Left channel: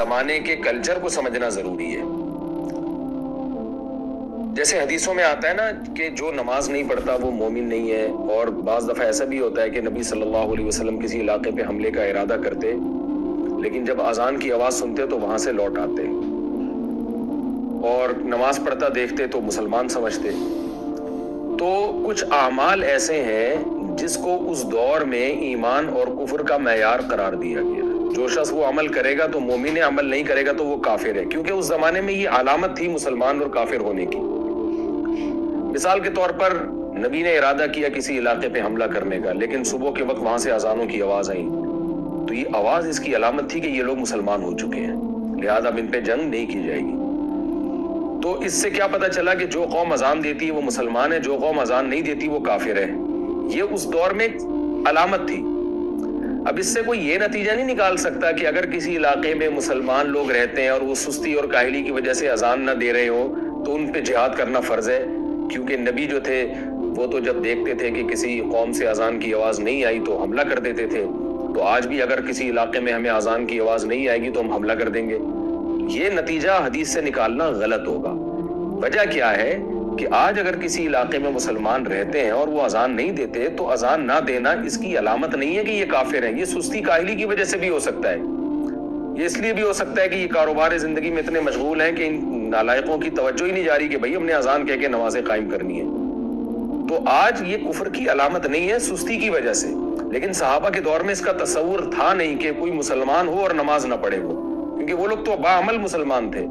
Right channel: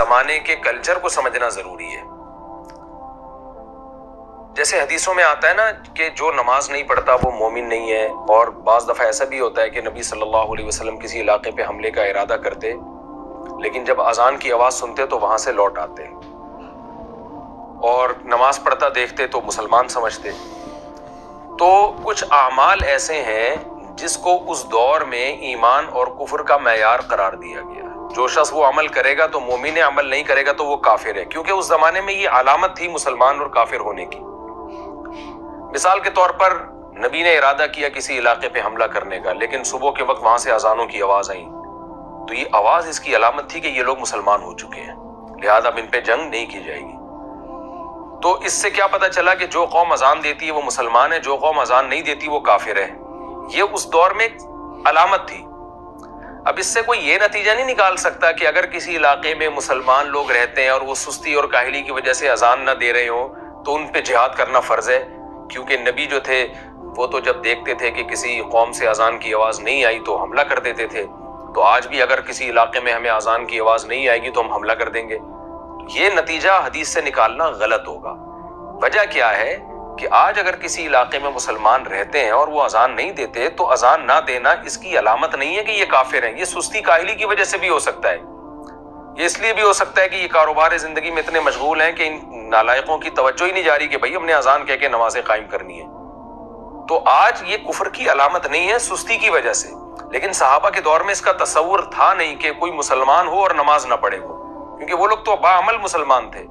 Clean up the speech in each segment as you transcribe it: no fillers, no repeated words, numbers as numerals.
زمانے کے کلچر کو سمجھنا ضروری ہے۔ جیسے حدیثوں میں آتا ہے نا کہ جو نماز نہیں پڑھتا وہ مومن نہیں ہے، اور بعض دفعہ ایسا بھی ہوتا ہے کہ نبی صلی اللہ علیہ وسلم کسی علاقے پہ حملے کا ارادہ کرتے، لیکن جب اذان کی آواز سنتے تو وہاں سے لوٹ آتے اور نماز پڑھتا دیکھتے تو مسلمان سمجھتے۔ تو کچھ اعمال ایسے ہیں جس کو اس دور میں ایمان اور کفر کا معیار قرار دیا گیا۔ جو شخص وہ عمل کرے گا تو مومن ہے، عمل نہیں کرے گا تو وہ کافر ہے، کیونکہ اس زمانے میں یہ علامت تھی مسلمان اور کافر ہونے کی۔ مثال کے طور پر نبی نے ارادہ کیا کسی علاقے پہ حملہ کرنے کا، لیکن صبح کے وقت وہاں سے اذانوں کی آواز آئی، تو یہ آواز اس کی علامت تھی کہ یہ لوگ مسلمان ہو چکے ہیں، لہذا اب ان پہ جنگ نہیں کی جائے گی۔ تو اس سے کیا پتہ چلا کہ جو قوم اذان دیتی ہے وہ مسلمان ہے، جو قوم اذان نہیں دیتی وہ کافر ہے۔ یہ اس دور میں علامت تھی۔ اب اس سے کوئی یہ نتیجہ نہیں نکال سکتا کہ اگر کسی علاقے میں مسلمان لوگ رہتے ہیں اور وہ سستی اور کاہلی کی وجہ سے اذان نہ دے رہے ہوں تو ان پہ جہاد کرنا فرض ہے، کیونکہ نبی جو تھے وہ تو جب دیکھتے تھے کہ کسی قوم سے اذان کی آواز نہیں آئی تو حملہ کر دیتے تھے۔ تو آج بھی اگر کسی علاقے میں ہمیں اذان کی آواز نہیں آئے گی تو ہم حملہ کر دیں گے۔ یہ نتیجہ حدیث سے نکالنا غلط ہوگا۔ وجہ کیا ہے کہ آج اگر کسی علاقے میں مسلمان رہتے ہیں اور وہ اذان نہیں دیتے تو اذان نہ دینا اس کی علامت نہیں ہے کہ یہ کافر ہیں۔ یہ سستی کاہلی کی وجہ سے بھی ہو سکتا ہے، یہ اس لیے بھی ہو سکتا ہے کہ یہ کاروبار زندگی میں اتنے مشغول ہیں کہ ان نالائقوں کی توجہ ہی نہیں جا رہی کہ بھائی ہم نے اذان کہہ کے نمازیں قائم کرنی ہے۔ تو آج یہ کفر کی علامت نہیں ہے سستی کی وجہ سے، لیکن صحابہ کے دور میں اس کا تصور تھا نہیں کہ کوئی مسلمان ہو اور نماز نہ پڑھے وہ، کیونکہ وہ لوگ تو باعمل مسلمان تھے۔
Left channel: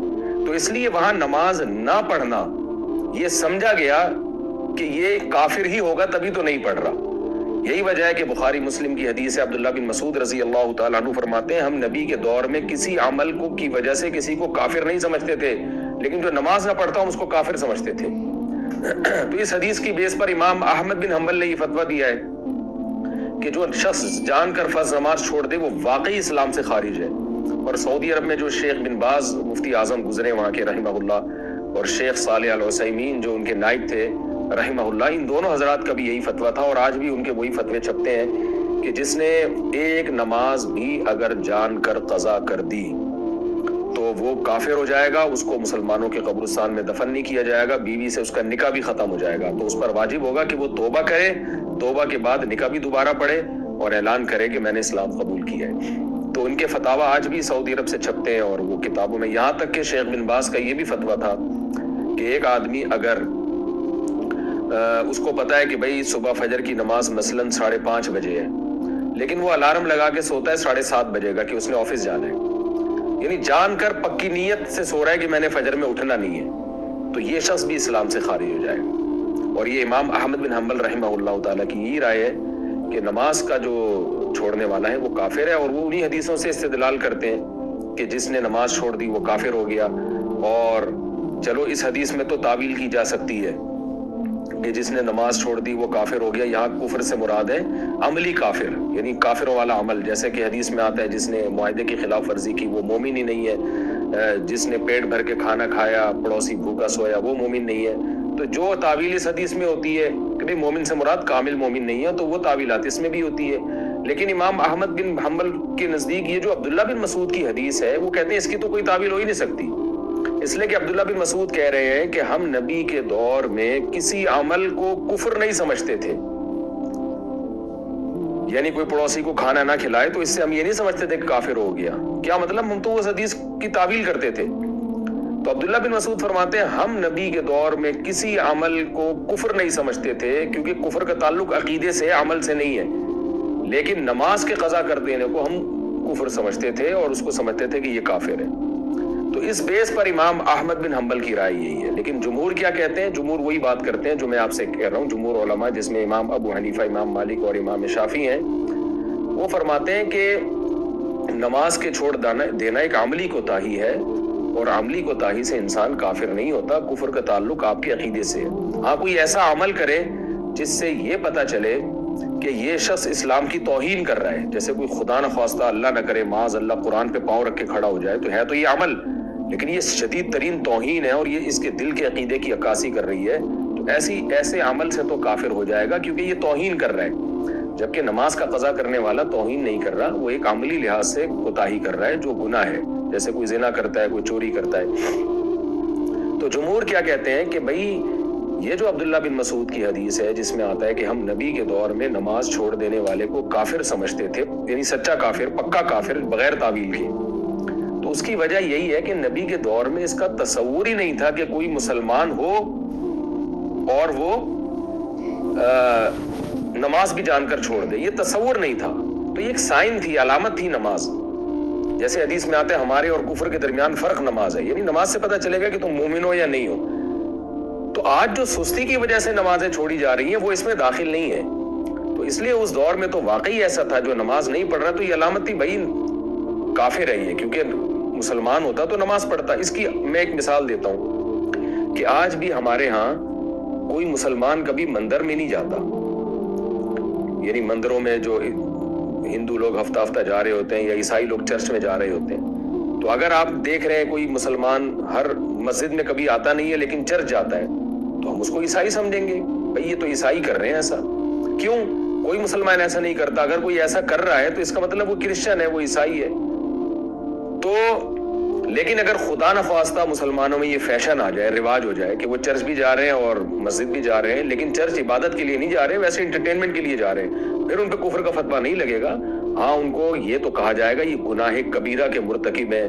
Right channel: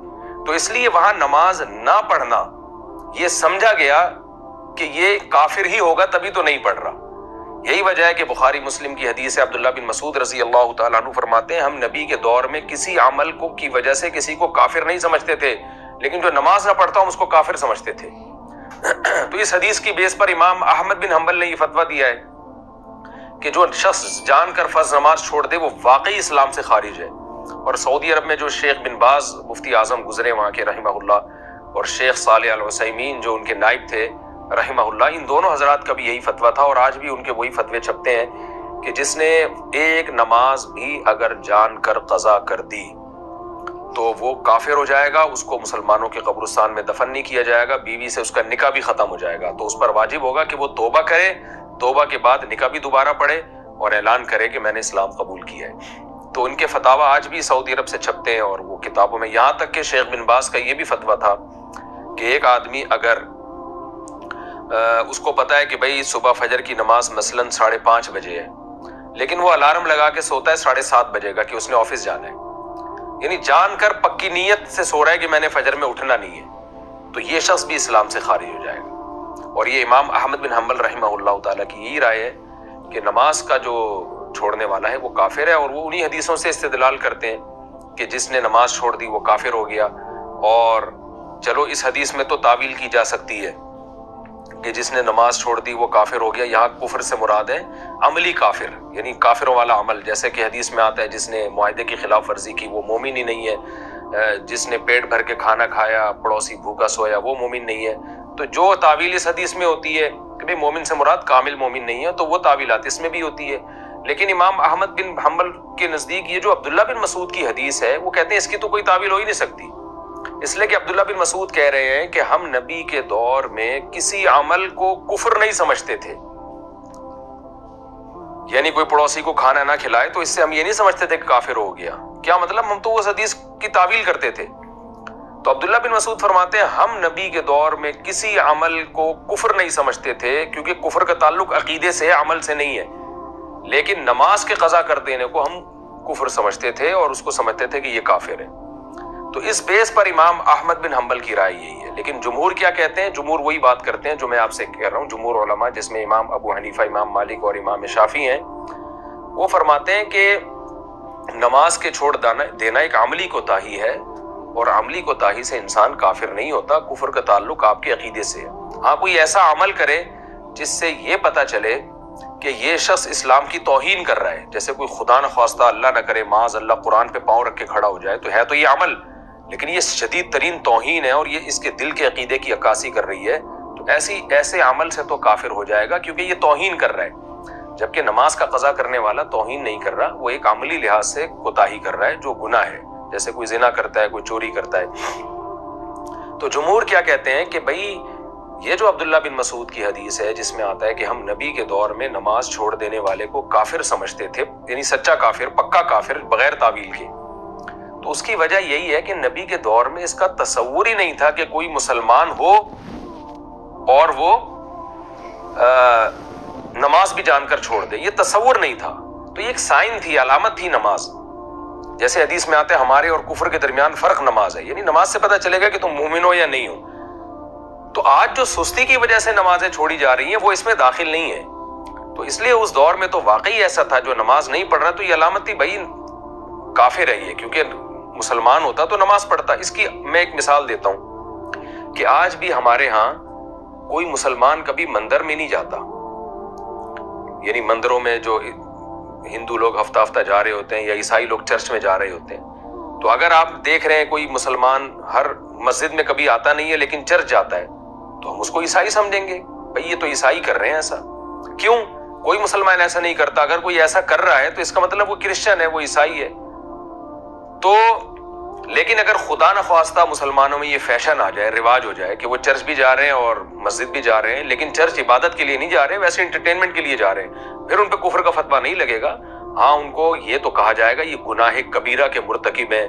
تو اس لیے وہاں نماز نہ پڑھنا یہ سمجھا گیا کہ یہ کافر ہی ہوگا تبھی تو نہیں پڑھ رہا۔ یہی وجہ ہے کہ بخاری مسلم کی حدیث ہے، عبداللہ بن مسعود رضی اللہ تعالیٰ عنہ فرماتے ہیں ہم نبی کے دور میں کسی عمل کو کی وجہ سے کسی کو کافر نہیں سمجھتے تھے، لیکن جو نماز نہ پڑھتا ہم اس کو کافر سمجھتے تھے۔ تو اس حدیث کی بیس پر امام احمد بن حنبل نے یہ فتویٰ دیا ہے کہ جو شخص جان کر فرض نماز چھوڑ دے وہ واقعی اسلام سے خارج ہے۔ اور سعودی عرب میں جو شیخ بن باز مفتی اعظم گزرے وہاں کے رحمہ اللہ، اور شیخ صالح العثیمین جو ان کے نائب تھے رحمہ اللہ، ان دونوں حضرات کا بھی یہی فتویٰ تھا، اور آج بھی ان کے وہی فتوے چھپتے ہیں کہ جس نے ایک نماز بھی اگر جان کر قضا کر دی تو وہ کافر ہو جائے گا، اس کو مسلمانوں کے قبرستان میں دفن نہیں کیا جائے گا، بیوی سے اس کا نکاح بھی ختم ہو جائے گا۔ تو اس پر واجب ہوگا کہ وہ توبہ کرے، توبہ کے بعد نکاح بھی دوبارہ پڑھے اور اعلان کرے کہ میں نے اسلام قبول کیا ہے۔ تو ان کے فتاوی آج بھی سعودی عرب سے چھپتے ہیں اور وہ کتابوں میں، یہاں تک کہ شیخ بن باز کا یہ بھی فتویٰ تھا کہ ایک آدمی اگر اس کو پتہ ہے کہ بھئی صبح فجر کی نماز مثلاً 5:30 بجے ہے، لیکن وہ الارم لگا کے سوتا ہے 7:30 بجے کا کہ اس نے آفس جانا ہے، یعنی جان کر پکی نیت سے سو رہا ہے کہ میں نے فجر میں اٹھنا نہیں ہے، تو یہ شخص بھی اسلام سے خارج ہو جائے گا۔ اور یہ امام احمد بن حنبل رحمہ اللہ تعالیٰ کی یہی رائے ہے کہ نماز کا جو چھوڑنے والا ہے وہ کافر ہے، اور وہ انہی حدیثوں سے استدلال کرتے ہیں کہ جس نے نماز چھوڑ دی وہ کافر ہو گیا۔ اور چلو اس حدیث میں تو تعویل کی جا سکتی ہے کہ جس نے نماز چھوڑ دی وہ کافر ہو گیا، یہاں کفر سے مراد ہے عملی کافر، یعنی کافروں والا عمل، جیسے کہ حدیث میں آتا ہے جس نے معاہدے کی خلاف ورزی کی وہ مومن ہی نہیں ہے، جس نے پیٹ بھر کے کھانا کھایا پڑوسی بھوکا سویا وہ مومن نہیں ہے۔ تو جو تعویل اس حدیث میں ہوتی ہے کہ بھئی مومن سے مراد کامل مومن نہیں ہے، تو وہ تعویلات اس میں بھی ہوتی ہے۔ لیکن امام احمد بن حنبل کے نزدیک یہ جو عبداللہ بن مسعود کی حدیث ہے وہ کہتے ہیں اس کی تو کوئی تعویل ہو ہی نہیں سکتی، اس لیے کہ عبداللہ بن مسعود کہہ رہے ہیں کہ ہم نبی کے دور میں کسی عمل کو کفر نہیں سمجھتے تھے، یعنی کوئی پڑوسی کو کھانا نہ کھلائے تو اس سے ہم یہ نہیں سمجھتے تھے کہ کافر ہو گیا۔ کیا مطلب؟ ہم تو اس حدیث کی تعویل کرتے تھے۔ تو عبداللہ بن مسعود فرماتے ہیں ہم نبی کے دور میں کسی عمل کو کفر نہیں سمجھتے تھے، کیونکہ کفر کا تعلق عقیدے سے عمل سے نہیں ہے، لیکن نماز کے قضا کر دینے کو ہم کفر سمجھتے تھے اور اس کو سمجھتے تھے کہ یہ کافر ہے۔ تو اس بیس پر امام احمد بن حنبل کی رائے یہی ہے۔ لیکن جمہور کیا کہتے ہیں؟ جمہور وہی بات کرتے ہیں جو میں آپ سے کہہ رہا ہوں، جمہور علماء جس میں امام ابو حنیفہ، امام مالک اور امام شافعی ہیں، وہ فرماتے ہیں کہ نماز کے چھوڑ دینا ایک عملی کوتاہی ہے، اور عملی کوتاہی سے انسان کافر نہیں ہوتا، کفر کا تعلق آپ کے عقیدے سے ہے۔ ہاں کوئی ایسا عمل کرے جس سے یہ پتہ چلے کہ یہ شخص اسلام کی توہین کر رہا ہے، جیسے کوئی خدا نخواستہ اللہ نہ کرے معاذ اللہ قرآن پہ پاؤں رکھ کے کھڑا ہو جائے، تو ہے تو یہ عمل، لیکن یہ شدید ترین توہین ہے اور یہ اس کے دل کے عقیدے کی عکاسی کر رہی ہے، تو ایسے عمل سے تو کافر ہو جائے گا کیونکہ یہ توہین کر رہا ہے، جبکہ نماز کا قضا کرنے والا توہین نہیں کر رہا، وہ ایک عملی لحاظ سے کوتاہی کر رہا ہے جو گناہ ہے۔ جیسے کوئی زنا کرتا ہے, کوئی چوری کرتا ہے. تو جمہور کیا کہتے ہیں کہ بھائی یہ جو عبداللہ بن مسعود کی حدیث ہے جس میں آتا ہے کہ ہم نبی کے دور میں نماز چھوڑ دینے والے کو کافر سمجھتے تھے, یعنی سچا کافر, پکا کافر, بغیر تعویل کے, تو اس کی وجہ یہی ہے کہ نبی کے دور میں اس کا تصور ہی نہیں تھا کہ کوئی مسلمان ہو اور وہ نماز بھی جان کر چھوڑ دے. یہ تصور نہیں تھا. تو یہ ایک سائن تھی, علامت تھی نماز. جیسے حدیث میں آتے ہیں ہمارے اور کفر کے درمیان فرق نماز ہے, یعنی نماز سے پتہ چلے گا کہ تم مومن ہو یا نہیں ہو. تو آج جو سستی کی وجہ سے نمازیں چھوڑی جا رہی ہیں وہ اس میں داخل نہیں ہے. تو اس لیے اس دور میں تو واقعی ایسا تھا, جو نماز نہیں پڑھ رہا تو یہ علامت تھی بھائی کافر ہے یہ, کیونکہ مسلمان ہوتا تو نماز پڑھتا. اس کی میں ایک مثال دیتا ہوں کہ آج بھی ہمارے ہاں کوئی مسلمان کبھی مندر میں نہیں جاتا, یعنی مندروں میں جو ہندو لوگ ہفتہ ہفتہ جا رہے ہوتے ہیں یا عیسائی لوگ چرچ میں جا رہے ہوتے ہیں, تو اگر آپ دیکھ رہے ہیں کوئی مسلمان ہر مسجد میں کبھی آتا نہیں ہے لیکن چرچ جاتا ہے, تو ہم اس کو عیسائی سمجھیں گے, بھئی یہ تو عیسائی کر رہے ہیں ایسا. کیوں؟ کوئی مسلمان ایسا نہیں کرتا. اگر کوئی ایسا کر رہا ہے تو اس کا مطلب وہ کرسچن ہے, وہ عیسائی ہے. تو لیکن اگر خدا نخواستہ مسلمانوں میں یہ فیشن آ جائے, رواج ہو جائے کہ وہ چرچ بھی جا رہے ہیں اور مسجد بھی جا رہے ہیں, لیکن چرچ عبادت کے لیے نہیں جا رہے, ویسے انٹرٹینمنٹ کے لیے جا رہے ہیں, پھر ان پہ کفر کا فتویٰ نہیں لگے گا. ہاں ان کو یہ تو کہا جائے گا یہ گناہ کبیرہ کے مرتکب ہیں,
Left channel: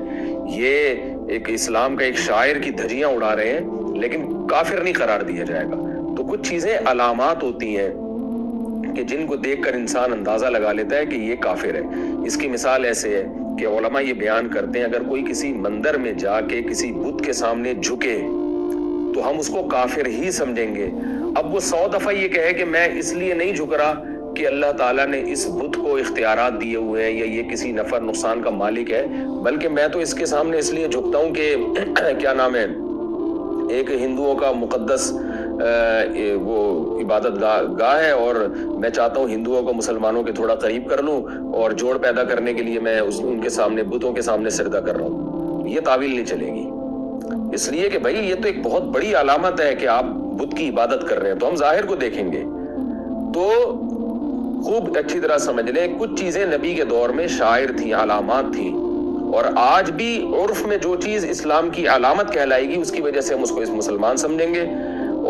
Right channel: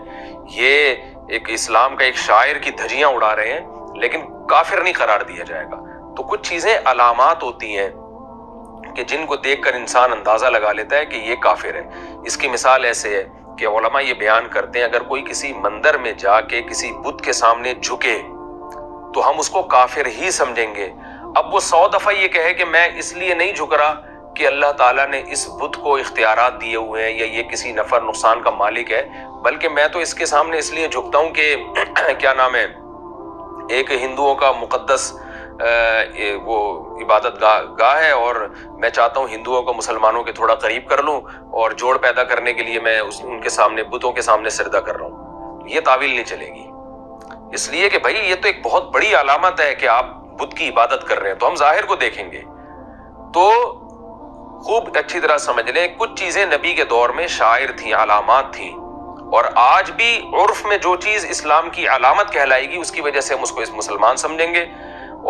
یہ ایک اسلام کا ایک شاعر کی دھجیاں اڑا رہے ہیں, لیکن کافر نہیں قرار دیا جائے گا. تو کچھ چیزیں علامات ہوتی ہیں کہ جن کو دیکھ کر انسان اندازہ لگا لیتا ہے کہ یہ کافر ہے. اس کی مثال ایسے ہے کہ علماء یہ بیان کرتے ہیں اگر کوئی کسی مندر میں جا کے کسی بت کے سامنے جھکے تو ہم اس کو کافر ہی سمجھیں گے. اب وہ 100 دفعہ یہ کہے کہ میں اس لیے نہیں جھک رہا کہ اللہ تعالیٰ نے اس بت کو اختیارات دیے ہوئے ہیں یا یہ کسی نفع نقصان کا مالک ہے, بلکہ میں تو اس کے سامنے اس لیے جھکتا ہوں کہ کیا نام ہے, ایک ہندوؤں کا مقدس وہ عبادت گاہ ہے اور میں چاہتا ہوں ہندوؤں کو مسلمانوں کے تھوڑا قریب کر لوں اور جوڑ پیدا کرنے کے لیے میں ان کے سامنے بتوں کے سامنے سجدہ کر رہا ہوں. یہ تعویل نہیں چلے گی, اس لیے کہ بھائی یہ تو ایک بہت بڑی علامت ہے کہ آپ بت کی عبادت کر رہے ہیں, تو ہم ظاہر کو دیکھیں گے. تو خوب اچھی طرح سمجھ لیں, کچھ چیزیں نبی کے دور میں شاعر تھیں, علامات تھیں, اور آج بھی عرف میں جو چیز اسلام کی علامت کہلائے گی اس کی وجہ سے ہم اس کو اس مسلمان سمجھیں گے,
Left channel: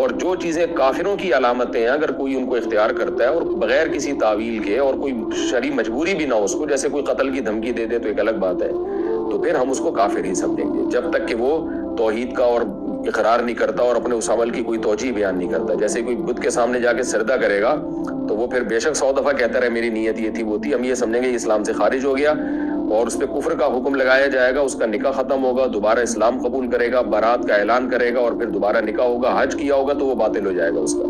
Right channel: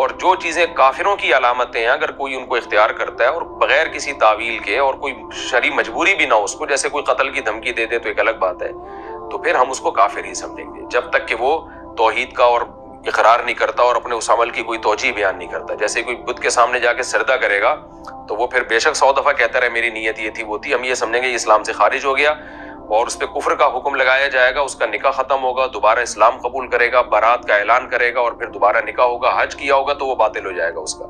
اور جو چیزیں کافروں کی علامتیں ہیں اگر کوئی ان کو اختیار کرتا ہے اور بغیر کسی تعویل کے اور کوئی شرعی مجبوری بھی نہ ہو اس کو, جیسے کوئی قتل کی دھمکی دے دے تو ایک الگ بات ہے, تو پھر ہم اس کو کافر ہی سمجھیں گے جب تک کہ وہ توحید کا اور اقرار نہیں کرتا اور اپنے اس عمل کی کوئی توجیہ بیان نہیں کرتا. جیسے کوئی بت کے سامنے جا کے سجدہ کرے گا تو وہ پھر بے شک 100 دفعہ کہتا رہے میری نیت یہ تھی وہ تھی, ہم یہ سمجھیں گے یہ اسلام سے خارج ہو گیا اور اس پہ کفر کا حکم لگایا جائے گا, اس کا نکاح ختم ہوگا, دوبارہ اسلام قبول کرے گا, بارات کا اعلان کرے گا اور پھر دوبارہ نکاح ہوگا, حج کیا ہوگا تو وہ باطل ہو جائے گا اس کا.